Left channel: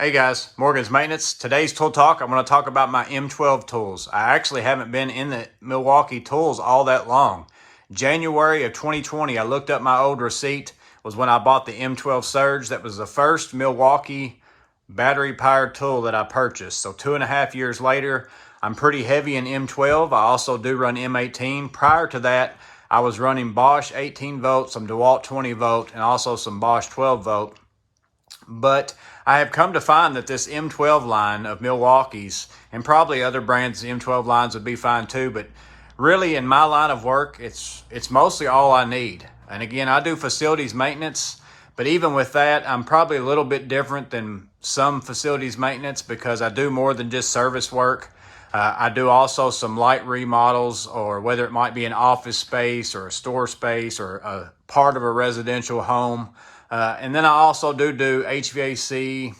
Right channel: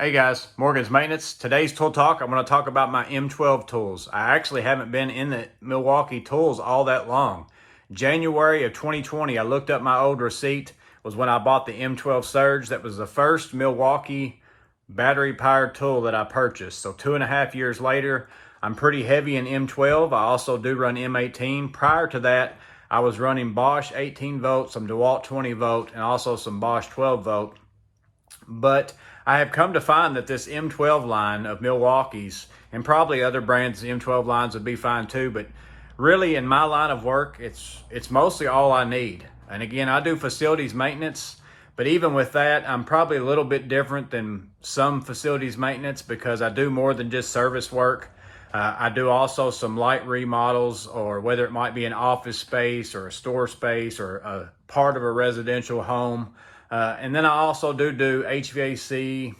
Hey guys, Morgan's Maintenance. Today's tool talk, I'm going to talk about my M12 tools. I actually haven't been in the Milwaukee tools all that long. January of 2020, I looked up my old receipt, was when I bought the M12 Surge. That was the first Milwaukee battery-powered tool that I purchased. So 2.5 years later, I'm pretty heavy in M12. I also do run M18. Prior to that, I was running Bosch 18 volt, some DeWalt 20 volt, and also some Bosch 12 volt. But I have come to find that this M12 line of Milwaukee's, and probably other brands, the M12 lines would be fine too, but really in my line of work, it's mostly all I need. And again, I do facilities maintenance, but even with that, I'm probably a little bit different than some facilities maintenance because I do more than just service work. I do also some light remodels, or whether it might be an office space or a store space or a part of a residential home. And then I also do HVAC,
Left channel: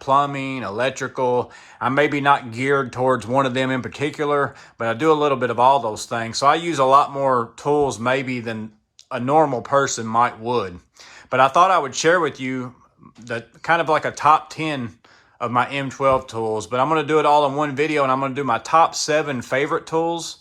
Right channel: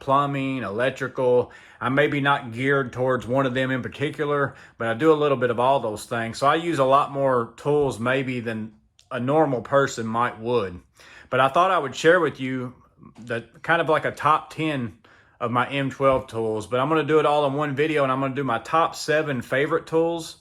plumbing, electrical. I'm maybe not geared towards one of them in particular, but I do a little bit of all those things. So I use a lot more tools maybe than a normal person would. But I thought I would share with you the kind of like a top 10 of my M12 tools, but I'm going to do it all in one video, and I'm going to do my top 7 favorite tools,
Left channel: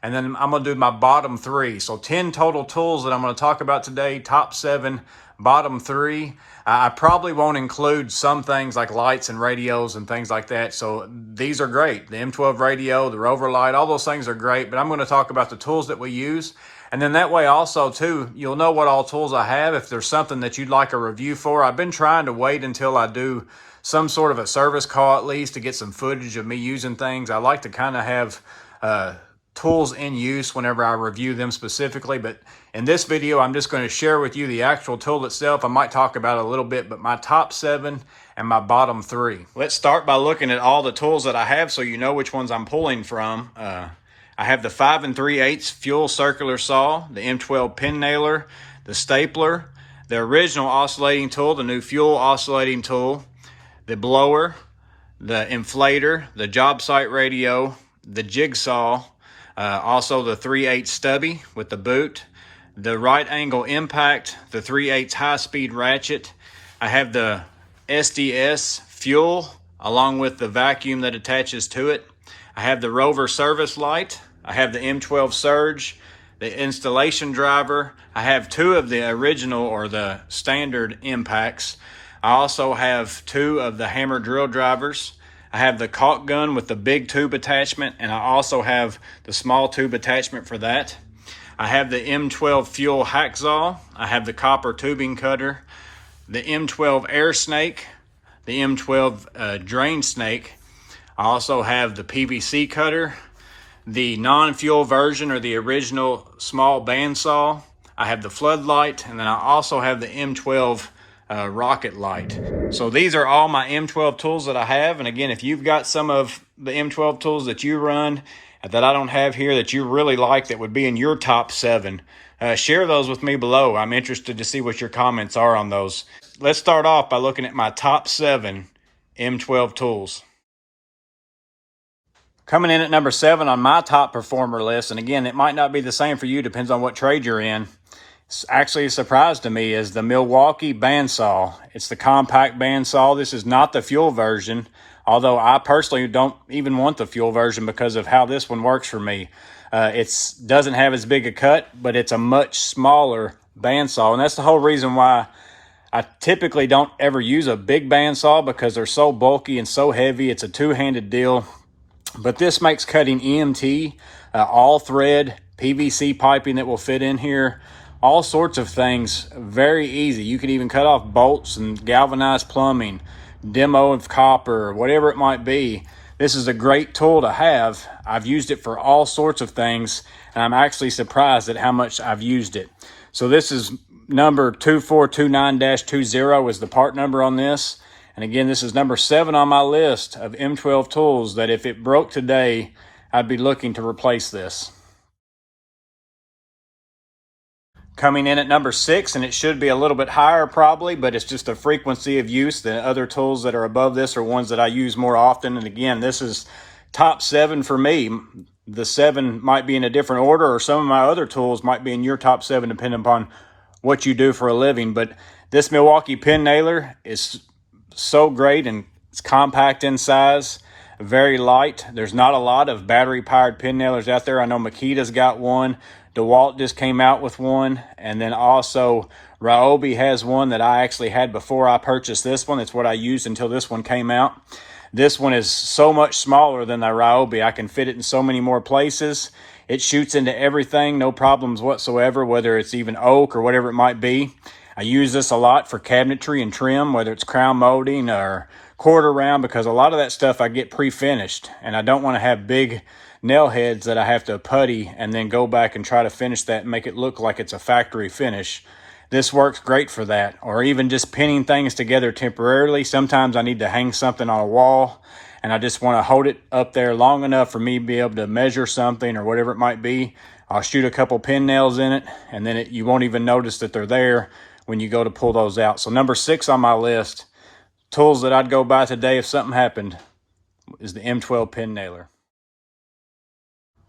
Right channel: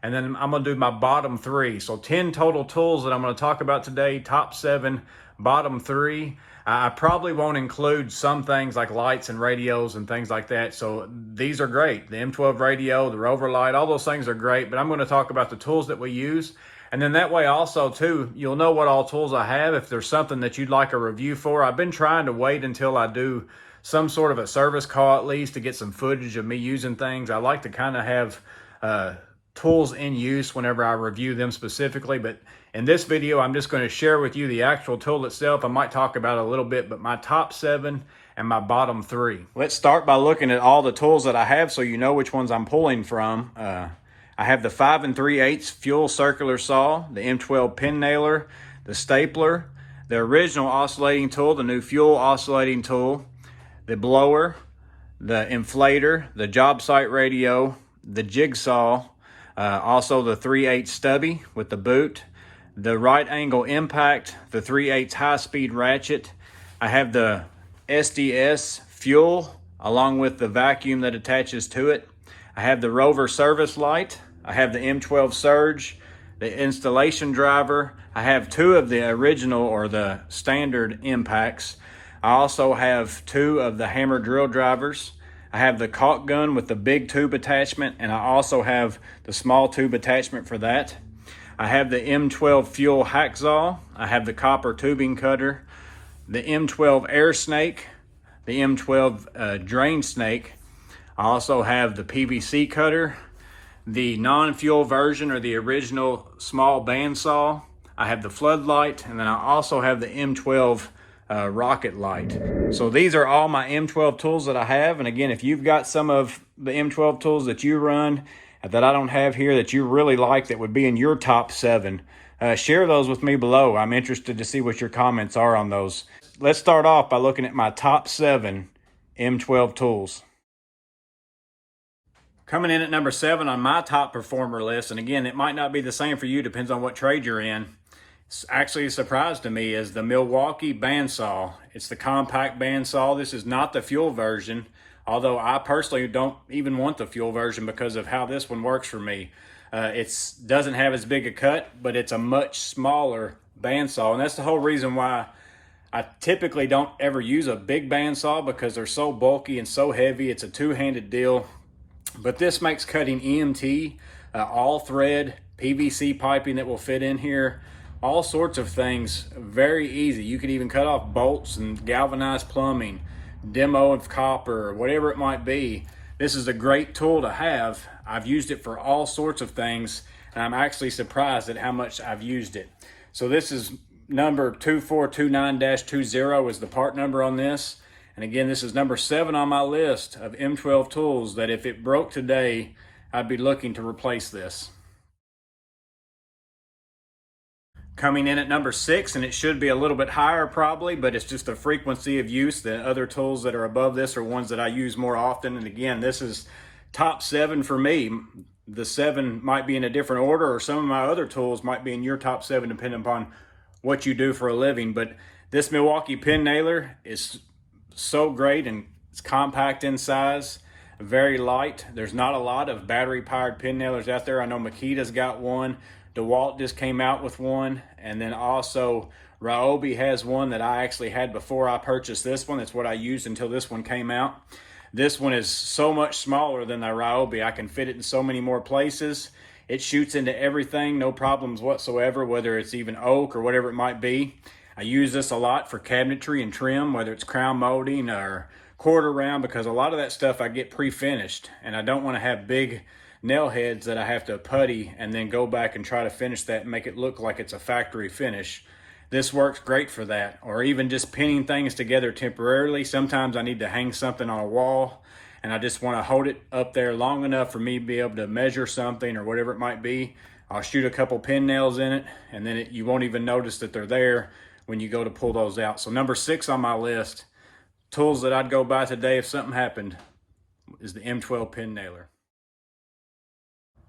and then I'm going to do my bottom 3. So 10 total tools that I'm going to talk about today, top 7, bottom 3. I probably won't include some things like lights and radios and things like that. So these are great. The M12 radio, the Rover light, all those things are great, but I'm going to talk about the tools that we use. And then that way also too, you'll know what all tools I have. If there's something that you'd like a review for, I've been trying to wait until I do some sort of a service call at least to get some footage of me using things. I like to kind of have tools in use whenever I review them specifically, but in this video, I'm just going to share with you the actual tool itself. I might talk about it a little bit, but my top 7 and my bottom 3. Let's start by looking at all the tools that I have so you know which ones I'm pulling from. I have the 5 3/8 fuel circular saw, the M12 pin nailer, the stapler, the original oscillating tool, the new fuel oscillating tool, the blower, the inflator, the job site radio, the jigsaw, also the 3/8 stubby with the boot, the right angle impact, the 3/8 high speed ratchet. I have the SDS fuel along with the vacuum that attaches to it. I have the Rover service light. I have the M12 Surge, the installation driver. I have 2 of the original or the standard impacts. I also have 2 of the hammer drill drivers. I have the caulk gun with the big tube attachment, and I also have the small tube attachment for that. I have the M12 fuel hacksaw. I have the copper tubing cutter, the M12 air snake, the M12 drain snake. I also have the PVC cutter, the non-fuel version or the original small bandsaw. I have the floodlight, and then I also have the M12 rocket light. So these are all my M12 tools that I have. And again, if you've got some of the M12 tools that you run that I don't have here that you really like that would be in your top 7, share those with me below. I'm interested to see what your comments are on those. Let's start off by looking at my top 7 M12 tools. Coming in at number 7 on my top performer list, and again, it might not be the same for you, depends on what trade you're in. It's actually a surprise to me, is the Milwaukee bandsaw. It's the compact bandsaw. This is not the fuel version, although I personally don't even want the fuel version because of how this one works for me. It doesn't have as big a cut, but it's a much smaller bandsaw, and that's the whole reason why I typically don't ever use a big bandsaw, because they're so bulky and so heavy. It's a two-handed deal. But this makes cutting EMT, all thread, PVC piping that will fit in here, all sorts of things very easy. You can even cut off bolts and galvanized plumbing, demo of copper, whatever it might be. This is a great tool to have. I've used it for all sorts of things, and I'm actually surprised at how much I've used it. So this is number 2429-20 is the part number on this. And again, this is number 7 on my list of M12 tools that if it broke today, I'd be looking to replace this. Coming in at number 6, and it should be a little bit higher probably, but it's just a frequency of use. The other tools that are above this are ones that I use more often. And again, this is top 7 for me. The 7 might be in a different order, or some of my other tools might be in your top 7 depending upon what you do for a living. But this Milwaukee pin nailer is so great and It's compact in size, very light. There's not a lot of battery-powered pin nailers out there. I know Makita's got one. DeWalt just came out with one. And then also Ryobi has one that I actually had before I purchased this one. It's what I used until this one came out. This one is so much smaller than the Ryobi. I can fit it in so many more places. It shoots into everything, no problems whatsoever, whether it's even oak or whatever it might be. I use this a lot for cabinetry and trim, whether it's crown molding or quarter round, because a lot of that stuff I get pre-finished, and I don't want to have big nail heads that I have to putty and then go back and try to finish that and make it look like it's a factory finish. This works great for that, or even just pinning things together temporarily. Sometimes I need to hang something on a wall and I just want to hold it up there long enough for me to be able to measure something or whatever it might be. I'll shoot a couple pin nails in it, and then you won't even notice that they're there when you go to pull those out. So number 6 on my list, tools that I'd go buy today if something happened, is the M12 pin nailer.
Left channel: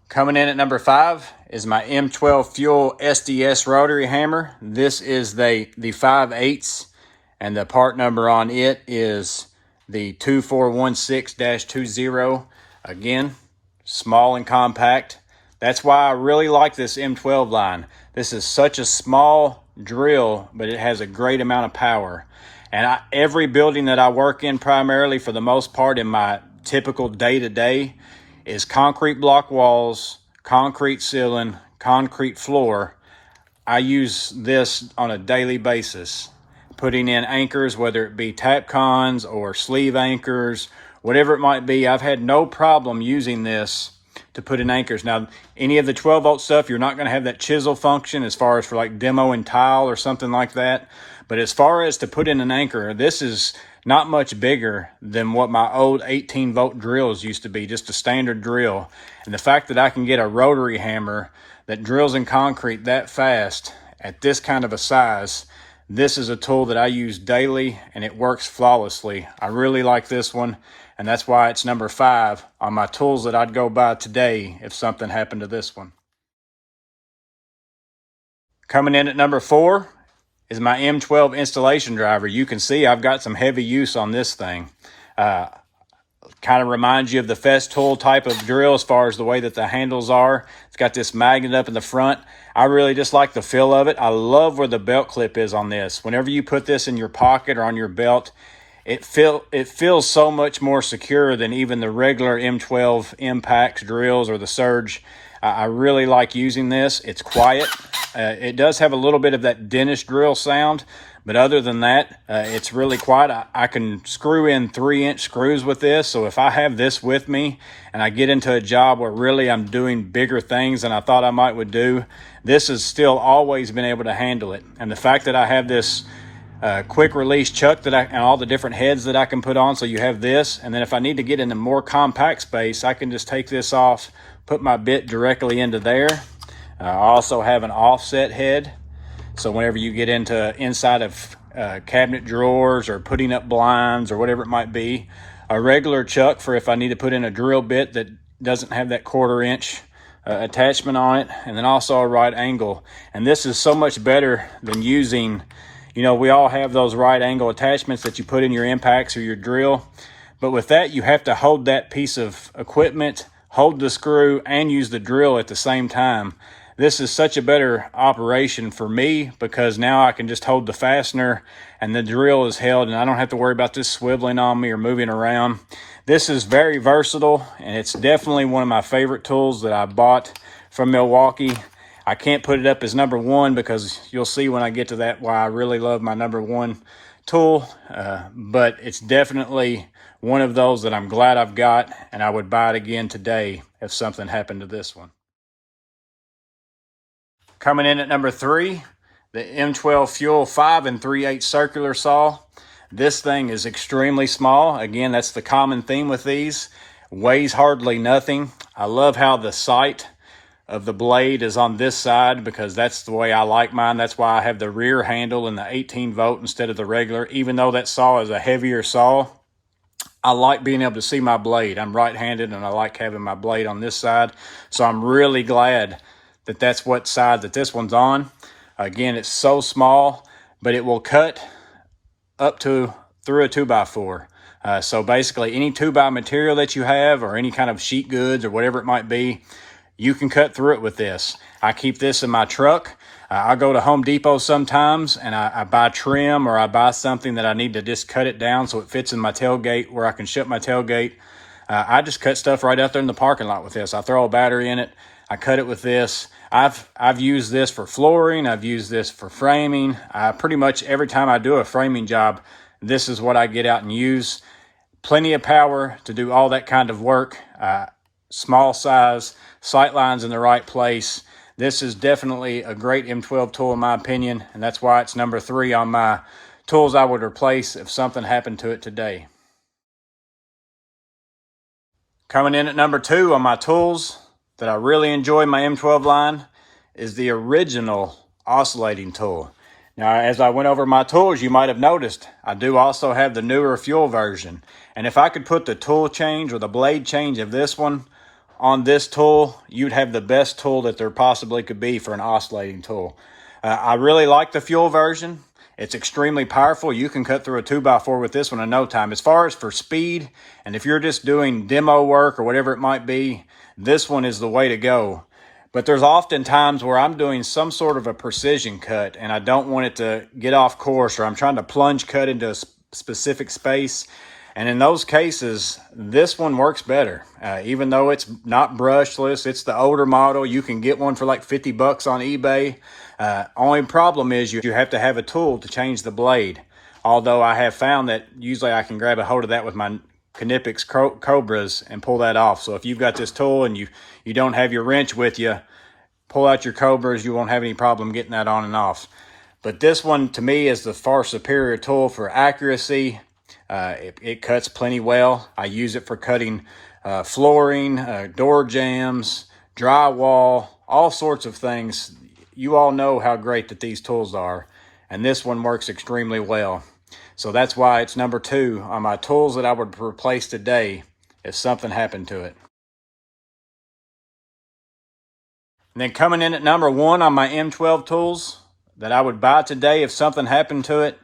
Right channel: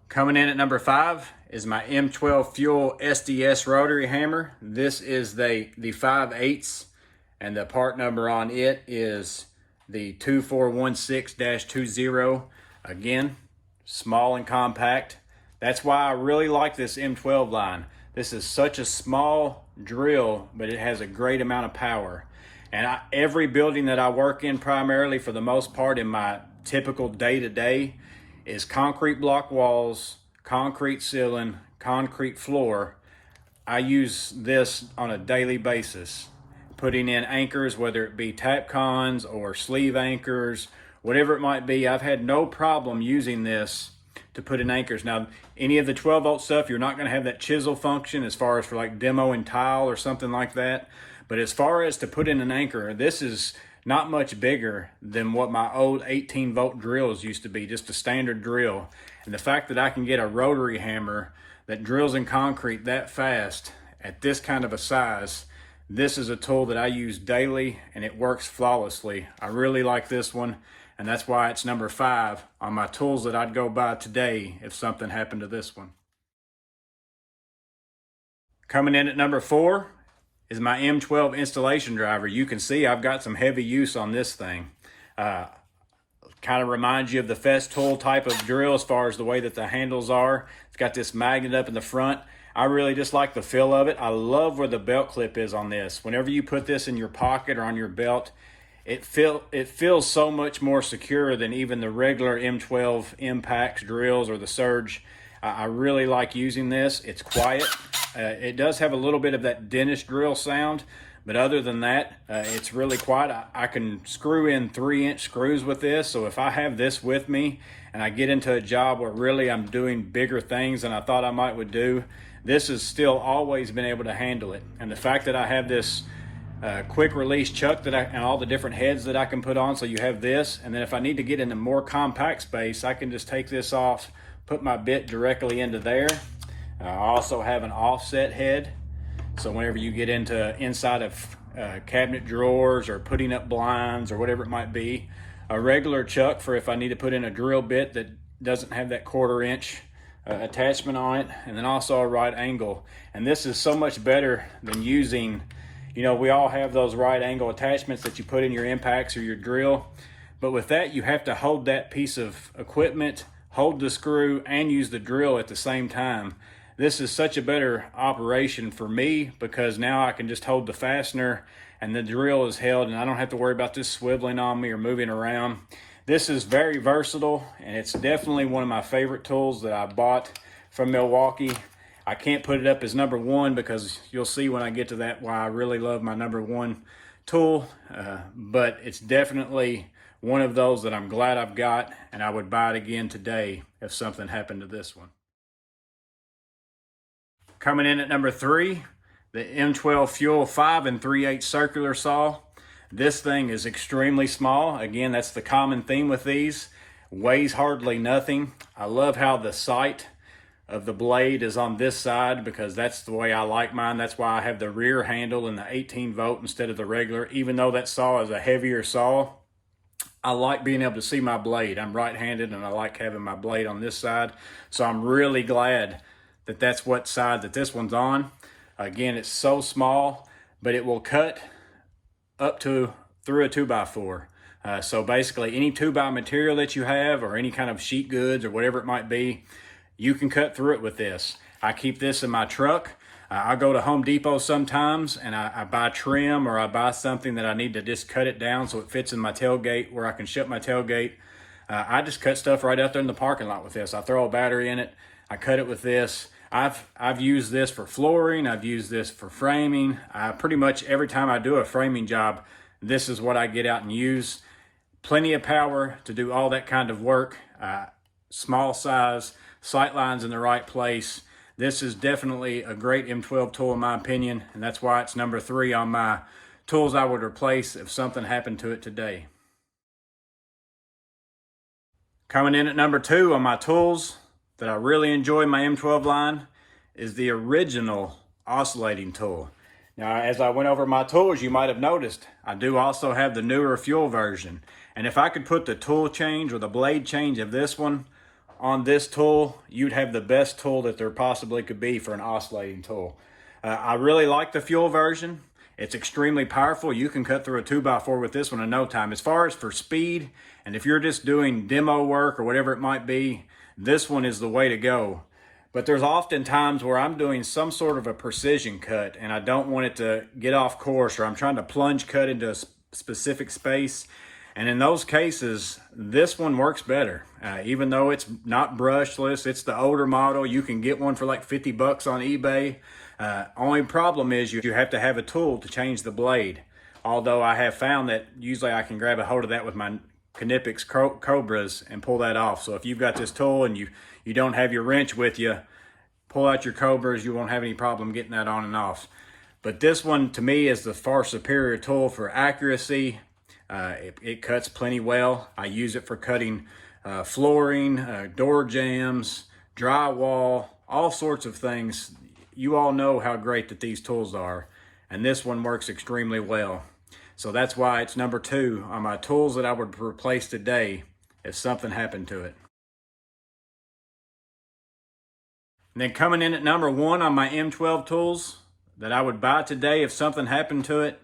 Coming in at number 5 is my M12 Fuel SDS rotary hammer. This is the 5/8, and the part number on it is the 2416-20. Again, small and compact. That's why I really like this M12 line. This is such a small drill, but it has a great amount of power. And every building that I work in, primarily for the most part in my typical day-to-day, is concrete block walls, concrete ceiling, concrete floor. I use this on a daily basis, putting in anchors, whether it be Tapcons or sleeve anchors, whatever it might be. I've had no problem using this to put in anchors. Now, any of the 12-volt stuff, you're not going to have that chisel function as far as for like demo and tile or something like that. But as far as to put in an anchor, this is not much bigger than what my old 18-volt drills used to be, just a standard drill. And the fact that I can get a rotary hammer that drills in concrete that fast at this kind of a size, this is a tool that I use daily and it works flawlessly. I really like this one, and that's why it's number 5 on my tools that I'd go buy today if something happened to this one. Coming in at number 4 is my M12 installation driver. You can see I've got some heavy use on this thing. Kind of reminds you of the Festool type of drill as far as the way that the handles are. It's got this magnet up in the front. I really just like the feel of it. I love where the belt clip is on this. Whenever you put this in your pocket or on your belt, it feels so much more secure than even the regular M12 Impacts drills or the Surge. I really like using this. It's quiet. It does have a little bit of that dentist drill sound, but other than that, it's really quiet. I can screw in 3-inch screws with this, so if I have this with me and I get into a job where really I'm doing bigger things than I thought I would do, this has still always been able to handle it. And the fact that I have this quick release chuck and all the different heads that I can put on, so you have this, and then if I need to get into more compact space, I can just take this off, put my bit directly into there. I also have an offset head, so whenever you get into inside of cabinet drawers or putting up blinds or whatever it might be, a regular chuck for if I need to put in a drill bit that doesn't have that 1/4 inch attachment on it, and then also a right angle. And this is so much better than using, we all have those right angle attachments that you put in your impacts or your drill, but with that you have to hold that piece of equipment, hold the screw, and use the drill at the same time. This is such a better operation for me because now I can just hold the fastener and the drill is held and I don't have to worry about this swiveling on me or moving around. This is very versatile, and it's definitely one of my favorite tools that I bought from Milwaukee. I can't put it up as number 1 because you'll see when I get to that why I really love my number 1 tool, but it's definitely one of those that I'm glad I've got, and I would buy it again today if something happened to this one. Coming in at number 3, the M12 Fuel 5 3/8 circular saw. This thing is extremely small. Again, that's the common theme with these. Weighs hardly nothing. I love how the sight of the blade is on this side because that's the way I like mine. That's why I have the rear handle and the 18-volt instead of the regular. Even though that saw is a heavier saw, I like being able to see my blade. I'm right-handed and I like having my blade on this side. So I'm really glad that that's what side that this one's on. Again, it's so small, but it will cut up to through a 2x4. So basically any 2x material that you have or any kind of sheet goods or whatever it might be, you can cut through it with this. I keep this in my truck. I go to Home Depot sometimes and I buy trim, or I buy something that I need to just cut it down so it fits in my tailgate where I can shut my tailgate. I just cut stuff right out there in the parking lot with this. I throw a battery in it. I cut it with this. I've used this for flooring. I've used this for framing. Pretty much every time I do a framing job, this is what I get out and use. Plenty of power to do all that kind of work. Small size, sight lines in the right place. This is definitely a great M12 tool in my opinion, and that's why it's number 3 on my tools I would replace if something happened to it today. Coming in at number 2 on my tools that I really enjoy in my M12 line is the original oscillating tool. Now, as I went over my tools, you might have noticed I do also have the newer fuel version. And if I could put the tool change or the blade change of this one on this tool, you'd have the best tool that there possibly could be for an oscillating tool. I really like the fuel version. It's extremely powerful. You can cut through a 2x4 with this one in no time. As far as for speed, and if you're just doing demo work or whatever it might be, this one is the way to go. But there's often times where I'm doing some sort of a precision cut and I don't want it to get off course, or I'm trying to plunge cut into a specific space. And in those cases, this one works better. Even though it's not brushless, it's the older model. You can get one for like 50 bucks on eBay. Only problem is you have to have a tool to change the blade. Although I have found that usually I can grab a hold of that with my Knipex Cobras and pull that off. So if you've got this tool and you don't have your wrench with you, pull out your Cobras, you won't have any problem getting that on and off. But this one to me is the far superior tool for accuracy. It cuts plenty well. I use it for cutting flooring, door jambs, drywall, all sorts of things. You all know how great that these tools are, and this one works extremely well. So that's why it's number 2 on my tools that I would replace today if something happened to it. And then coming in at number 1 on my M12 tools that I would buy today if something happened to it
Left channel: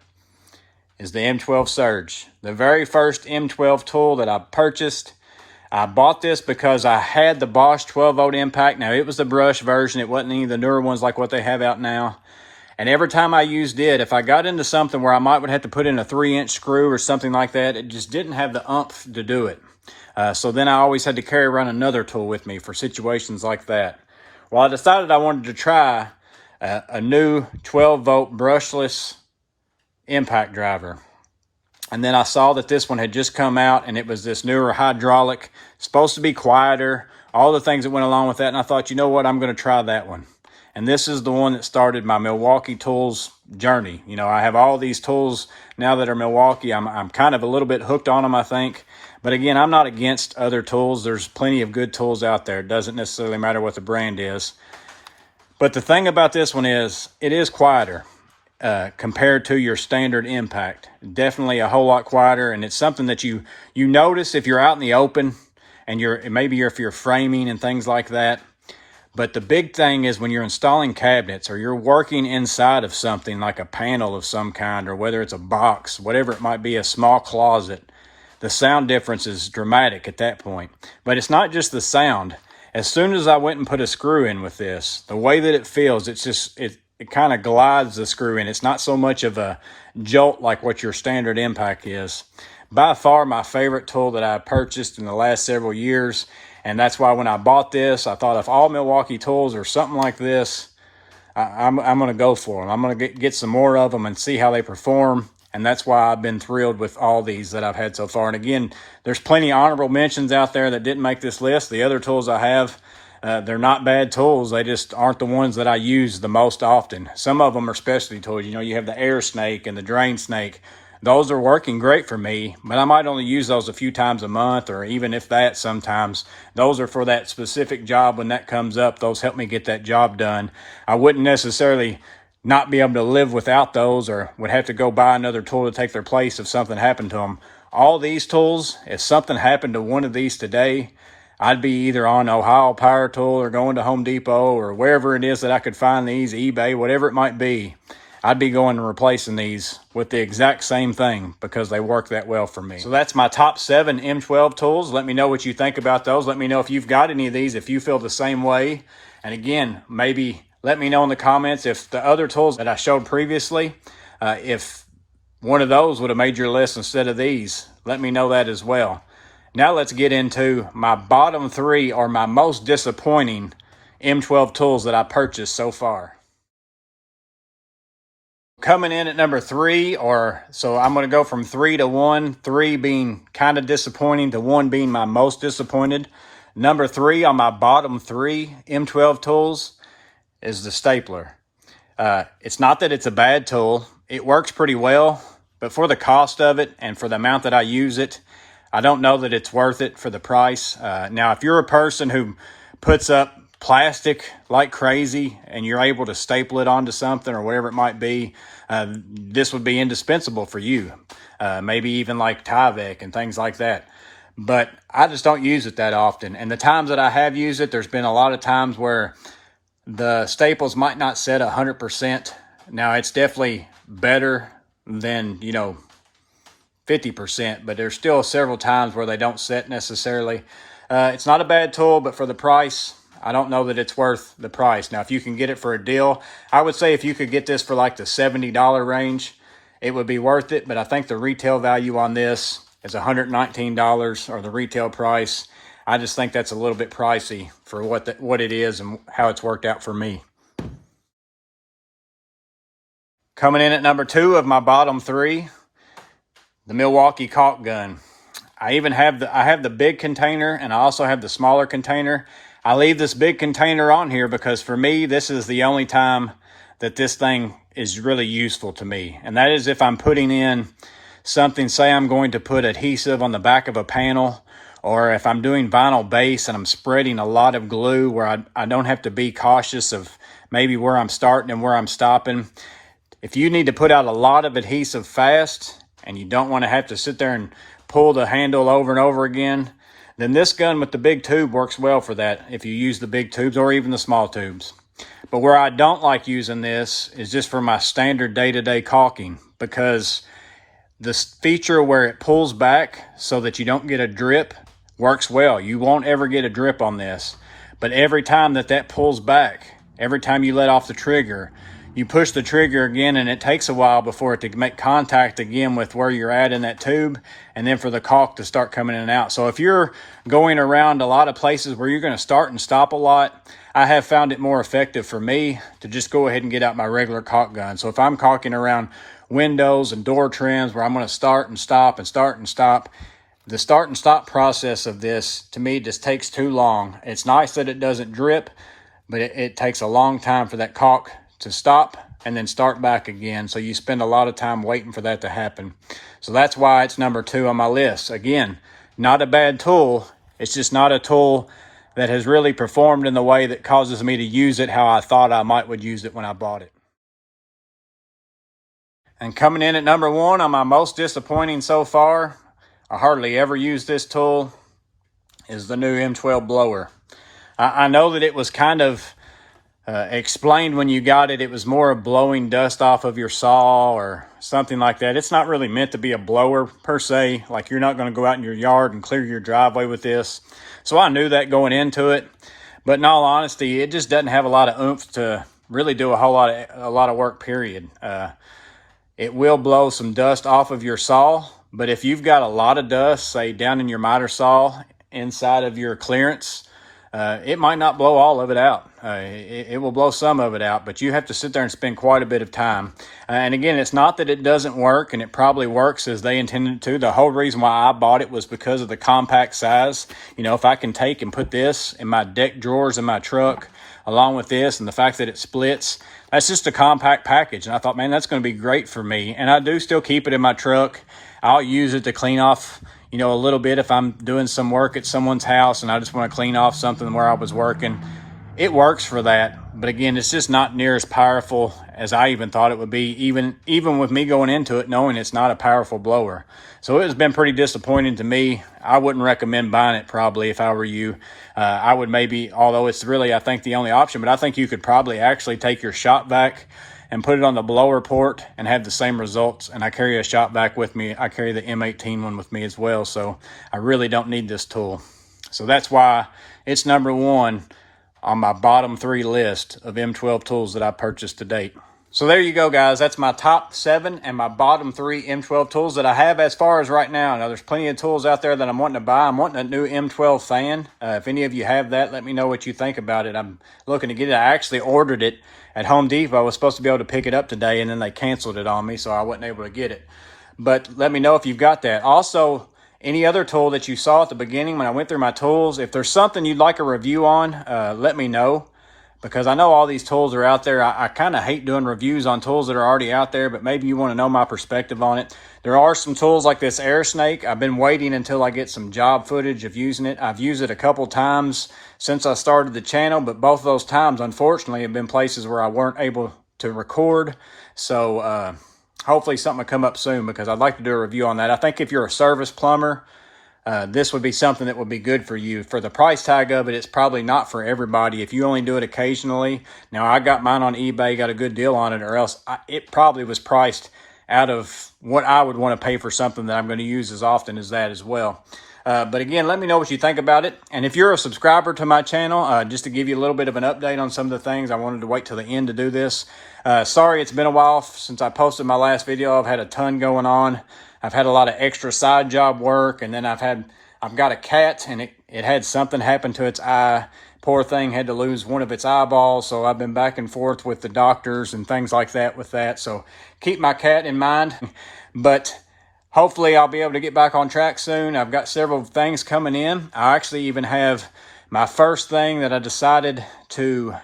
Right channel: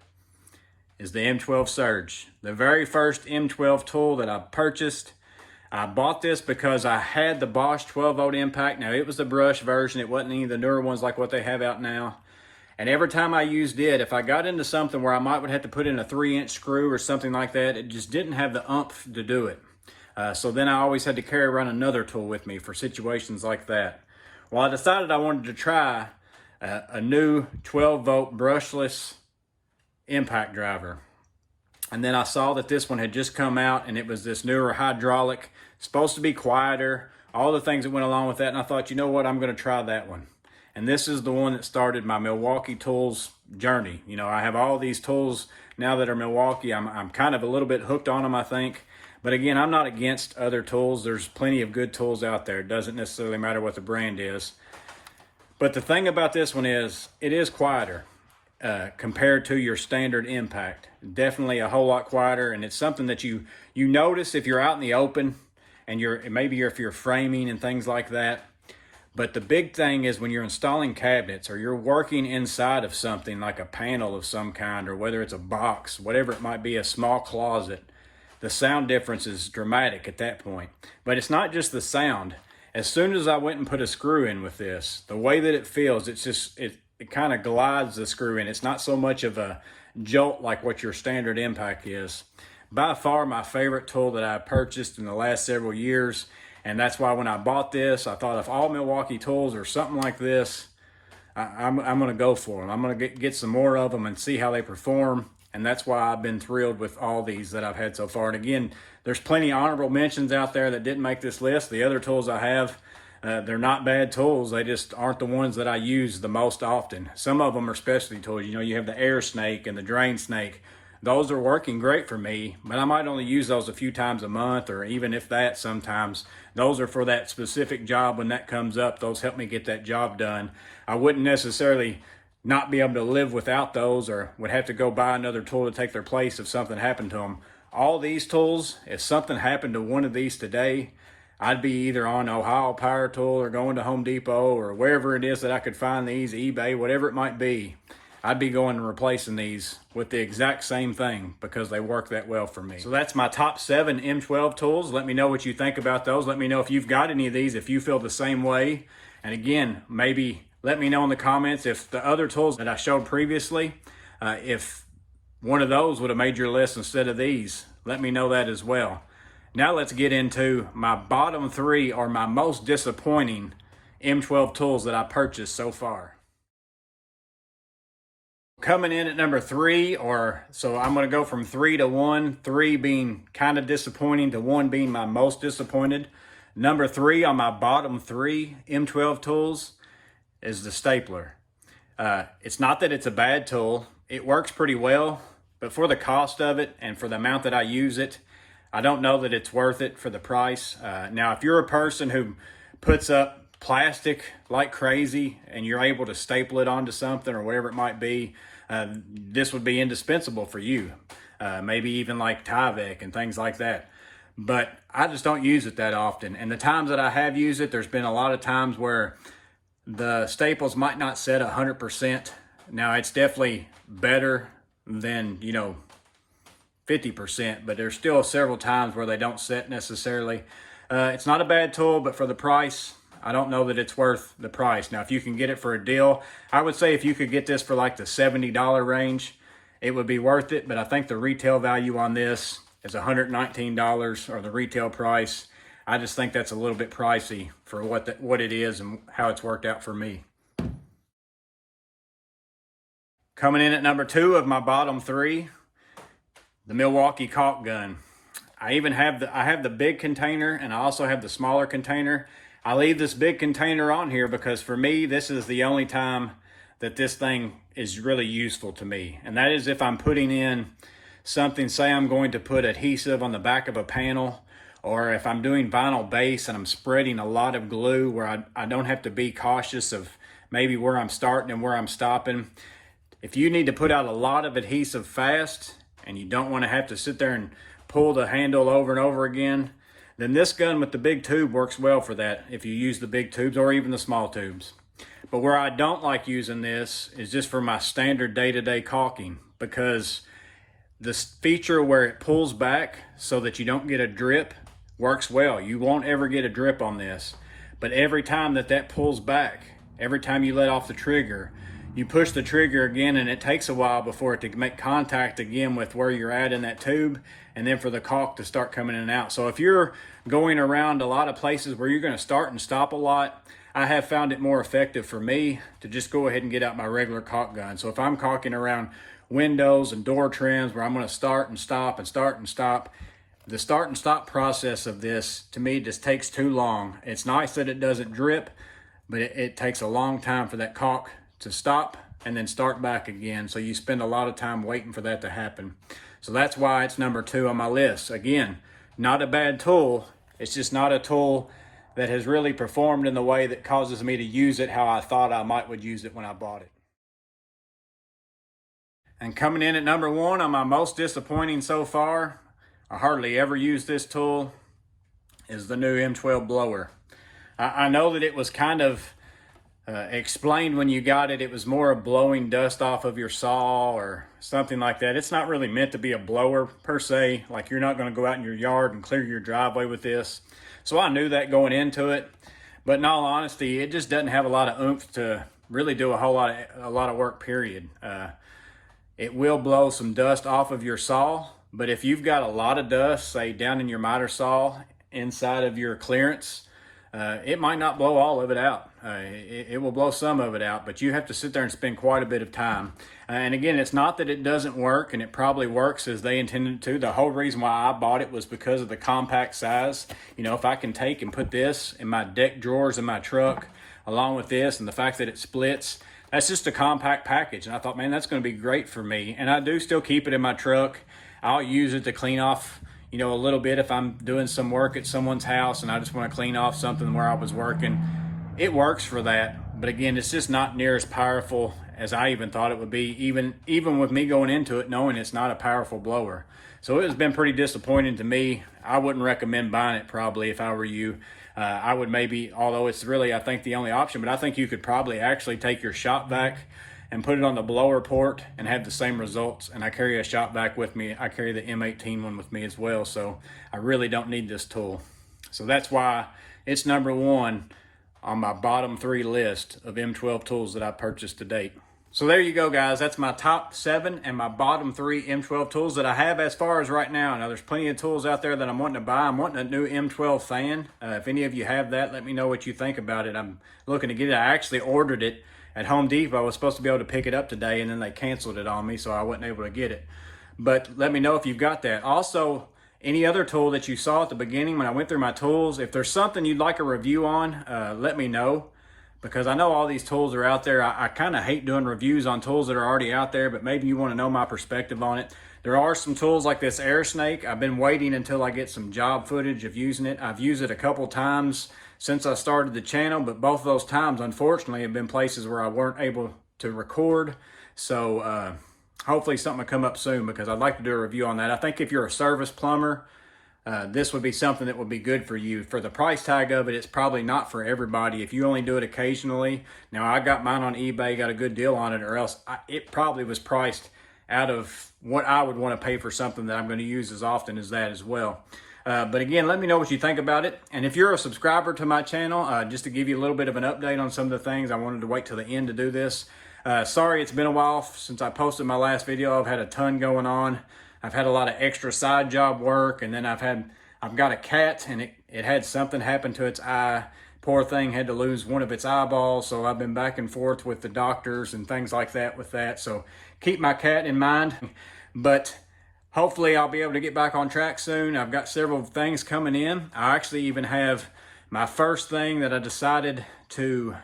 is the M12 Surge. The very first M12 tool that I purchased. I bought this because I had the Bosch 12-volt impact. Now, it was the brush version. It wasn't any of the newer ones like what they have out now. And every time I used it, if I got into something where I might would have to put in a 3-inch screw or something like that, it just didn't have the oomph to do it. So then I always had to carry around another tool with me for situations like that. Well, I decided I wanted to try a new 12-volt brushless impact driver. And then I saw that this one had just come out, and it was this newer hydraulic, supposed to be quieter, all the things that went along with that. And I thought, you know what, I'm going to try that one. And this is the one that started my Milwaukee Tools journey. You know, I have all these tools now that are Milwaukee. I'm kind of a little bit hooked on them, I think. But again, I'm not against other tools. There's plenty of good tools out there. It doesn't necessarily matter what the brand is. But the thing about this one is, it is quieter compared to your standard impact. Definitely a whole lot quieter, and it's something that you notice if you're out in the open and if you're framing and things like that. But the big thing is when you're installing cabinets or you're working inside of something like a panel of some kind, or whether it's a box, whatever it might be, a small closet, the sound difference is dramatic at that point. But it's not just the sound. As soon as I went and put a screw in with this, the way that it feels, it kind of glides the screw in. It's not so much of a jolt like what your standard impact is. By far my favorite tool that I purchased in the last several years. And that's why when I bought this, I thought if all Milwaukee tools are something like this, I'm going to go for them. I'm going to get some more of them and see how they perform. And that's why I've been thrilled with all these that I've had so far. And again, there's plenty of honorable mentions out there that didn't make this list. The other tools I have, they're not bad tools. They just aren't the ones that I use the most often. Some of them are specialty tools. You know, you have the air snake and the drain snake. Those are working great for me, but I might only use those a few times a month, or even if that sometimes. Those are for that specific job. When that comes up, those help me get that job done. I wouldn't necessarily not be able to live without those, or would have to go buy another tool to take their place if something happened to them. All these tools, if something happened to one of these today, I'd be either on Ohio Power Tool or going to Home Depot or wherever it is that I could find these, eBay, whatever it might be. I'd be going and replacing these with the exact same thing because they work that well for me. So that's my top 7 M12 tools. Let me know what you think about those. Let me know if you've got any of these, if you feel the same way. And again, maybe let me know in the comments if the other tools that I showed previously, if one of those would have made your list instead of these. Let me know that as well. Now let's get into my bottom 3 or my most disappointing M12 tools that I purchased so far. Coming in at number 3, so I'm going to go from 3 to 1, 3 being kind of disappointing to 1 being my most disappointed. Number 3 on my bottom 3 M12 tools is the stapler. It's not that it's a bad tool. It works pretty well, but for the cost of it and for the amount that I use it, I don't know that it's worth it for the price. Now, if you're a person who puts up plastic like crazy and you're able to staple it onto something or whatever it might be, this would be indispensable for you. Maybe even like Tyvek and things like that. But I just don't use it that often. And the times that I have used it, there's been a lot of times where the staples might not set 100%. Now, it's definitely better than, 50%, but there's still several times where they don't set necessarily. It's not a bad tool, but for the price, I don't know that it's worth the price. Now, if you can get it for a deal, I would say if you could get this for like the $70 range, it would be worth it. But I think the retail value on this is $119, or the retail price. I just think that's a little bit pricey for what it is and how it's worked out for me. Coming in at number 2 of my bottom 3, the Milwaukee caulk gun. I have the big container, and I also have the smaller container. I leave this big container on here because for me, this is the only time that this thing is really useful to me. And that is if I'm putting in something, say I'm going to put adhesive on the back of a panel, or if I'm doing vinyl base and I'm spreading a lot of glue where I don't have to be cautious of maybe where I'm starting and where I'm stopping. If you need to put out a lot of adhesive fast and you don't want to have to sit there and pull the handle over and over again, then this gun with the big tube works well for that if you use the big tubes or even the small tubes. But where I don't like using this is just for my standard day-to-day caulking, because this feature where it pulls back so that you don't get a drip works well. You won't ever get a drip on this. But every time that pulls back, every time you let off the trigger, you push the trigger again, and it takes a while before it to make contact again with where you're at in that tube, and then for the caulk to start coming in and out. So if you're going around a lot of places where you're going to start and stop a lot, I have found it more effective for me to just go ahead and get out my regular caulk gun. So if I'm caulking around windows and door trims where I'm going to start and stop and start and stop, the start and stop process of this to me just takes too long. It's nice that it doesn't drip, but it takes a long time for that caulk to stop and then start back again. So you spend a lot of time waiting for that to happen. So that's why it's number 2 on my list. Again, not a bad tool. It's just not a tool that has really performed in the way that causes me to use it how I thought I would use it when I bought it. And coming in at number 1 on my most disappointing so far, I hardly ever use this tool, is the new M12 blower. I know that it was kind of explained when you got it. It was more of blowing dust off of your saw or something like that. It's not really meant to be a blower per se. Like, you're not going to go out in your yard and clear your driveway with this. So I knew that going into it. But in all honesty, it just doesn't have a lot of oomph to really do a lot of work, period. It will blow some dust off of your saw, but if you've got a lot of dust, say down in your miter saw inside of your clearance, it might not blow all of it out. It will blow some of it out, but you have to sit there and spend quite a bit of time. And again, it's not that it doesn't work, and it probably works as they intended it to. The whole reason why I bought it was because of the compact size. If I can take and put this in my deck drawers in my truck, along with this, and the fact that it splits, that's just a compact package. And I thought, man, that's going to be great for me. And I do still keep it in my truck. I'll use it to clean off a little bit if I'm doing some work at someone's house and I just want to clean off something where I was working. It works for that, but again, it's just not near as powerful as I even thought it would be, even with me going into it knowing it's not a powerful blower. So it has been pretty disappointing to me. I wouldn't recommend buying it probably if I were you. I would maybe, although it's really, I think, the only option, but I think you could probably actually take your shop vac and put it on the blower port and have the same results. And I carry a shop vac with me. I carry the M18 one with me as well, so I really don't need this tool. So that's why it's number one on my bottom 3 list of M12 tools that I purchased to date. So there you go, guys. That's my top 7 and my bottom 3 M12 tools that I have as far as right now. Now, there's plenty of tools out there that I'm wanting to buy. I'm wanting a new M12 fan. If any of you have that, let me know what you think about it. I'm looking to get it. I actually ordered it at Home Depot. I was supposed to be able to pick it up today, and then they canceled it on me, so I wasn't able to get it. But let me know if you've got that. Also, any other tool that you saw at the beginning when I went through my tools, if there's something you'd like a review on, let me know. Because I know all these tools are out there. I kind of hate doing reviews on tools that are already out there, but maybe you want to know my perspective on it. There are some tools like this Air Snake. I've been waiting until I get some job footage of using it. I've used it a couple times since I started the channel, but both of those times, unfortunately, have been places where I weren't able to record. So hopefully something will come up soon, because I'd like to do a review on that. I think if you're a service plumber, this would be something that would be good for you. For the price tag of it, it's probably not for everybody. If you only do it occasionally. Now, I got mine on eBay, got a good deal on it, or else it probably was priced out of what I would want to pay for something that I'm going to use as often as that as well. But again, let me know what you think about it. And if you're a subscriber to my channel, just to give you a little bit of an update on some of the things, I wanted to wait till the end to do this. Sorry, it's been a while since I posted my last video. I've had a ton going on. I've had a lot of extra side job work, and then I've got a cat, and it had something happen to its eye. Poor thing had to lose one of its eyeballs, so I've been back and forth with the doctors and things like that with that. So keep my cat in mind. But hopefully I'll be able to get back on track soon. I've got several things coming in. I actually even have my first thing that I decided to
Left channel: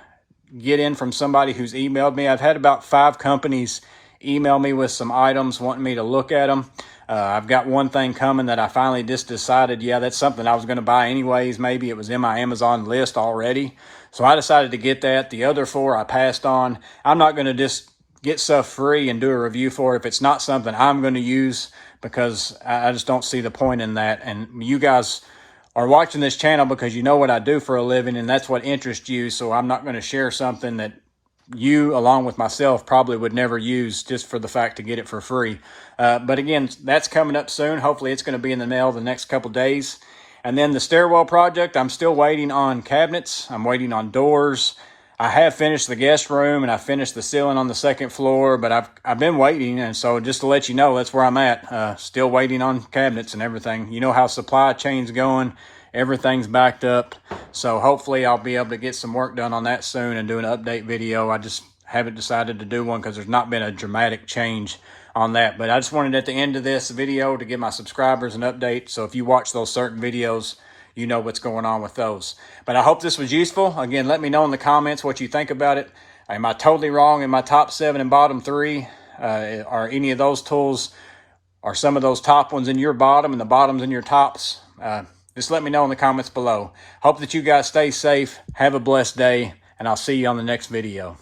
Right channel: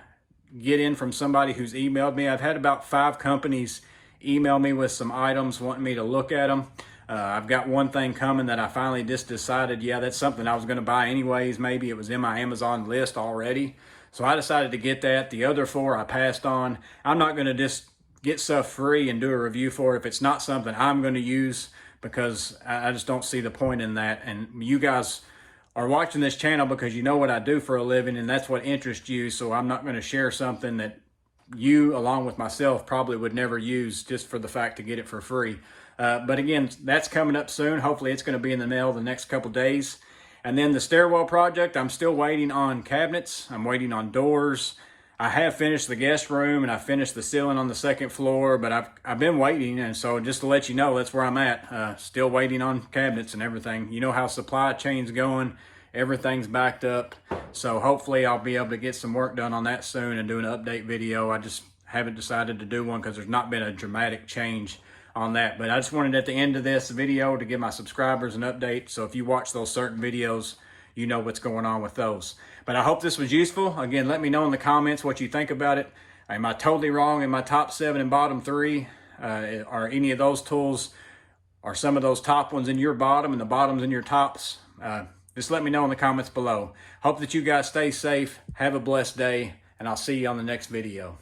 get in from somebody who's emailed me. I've had about 5 companies email me with some items wanting me to look at them. I've got one thing coming that I finally just decided, yeah, that's something I was going to buy anyways. Maybe it was in my Amazon list already. So I decided to get that. The other 4 I passed on. I'm not going to just get stuff free and do a review for it if it's not something I'm going to use, because I just don't see the point in that. And you guys are watching this channel because you know what I do for a living, and that's what interests you. So I'm not going to share something that you, along with myself, probably would never use just for the fact to get it for free. But again, that's coming up soon. Hopefully it's going to be in the mail the next couple days. And then the stairwell project, I'm still waiting on cabinets. I'm waiting on doors. I have finished the guest room, and I finished the ceiling on the 2nd floor, but I've been waiting. And so just to let you know, that's where I'm at. Still waiting on cabinets and everything. You know how supply chain's going. Everything's backed up. So hopefully I'll be able to get some work done on that soon and do an update video. I just haven't decided to do one because there's not been a dramatic change on that. But I just wanted at the end of this video to give my subscribers an update. So if you watch those certain videos, you know what's going on with those. But I hope this was useful. Again, let me know in the comments what you think about it. Am I totally wrong in my top 7 and bottom 3? Are any of those tools, are some of those top ones in your bottom and the bottoms in your tops? Just let me know in the comments below. Hope that you guys stay safe. Have a blessed day, and I'll see you on the next video.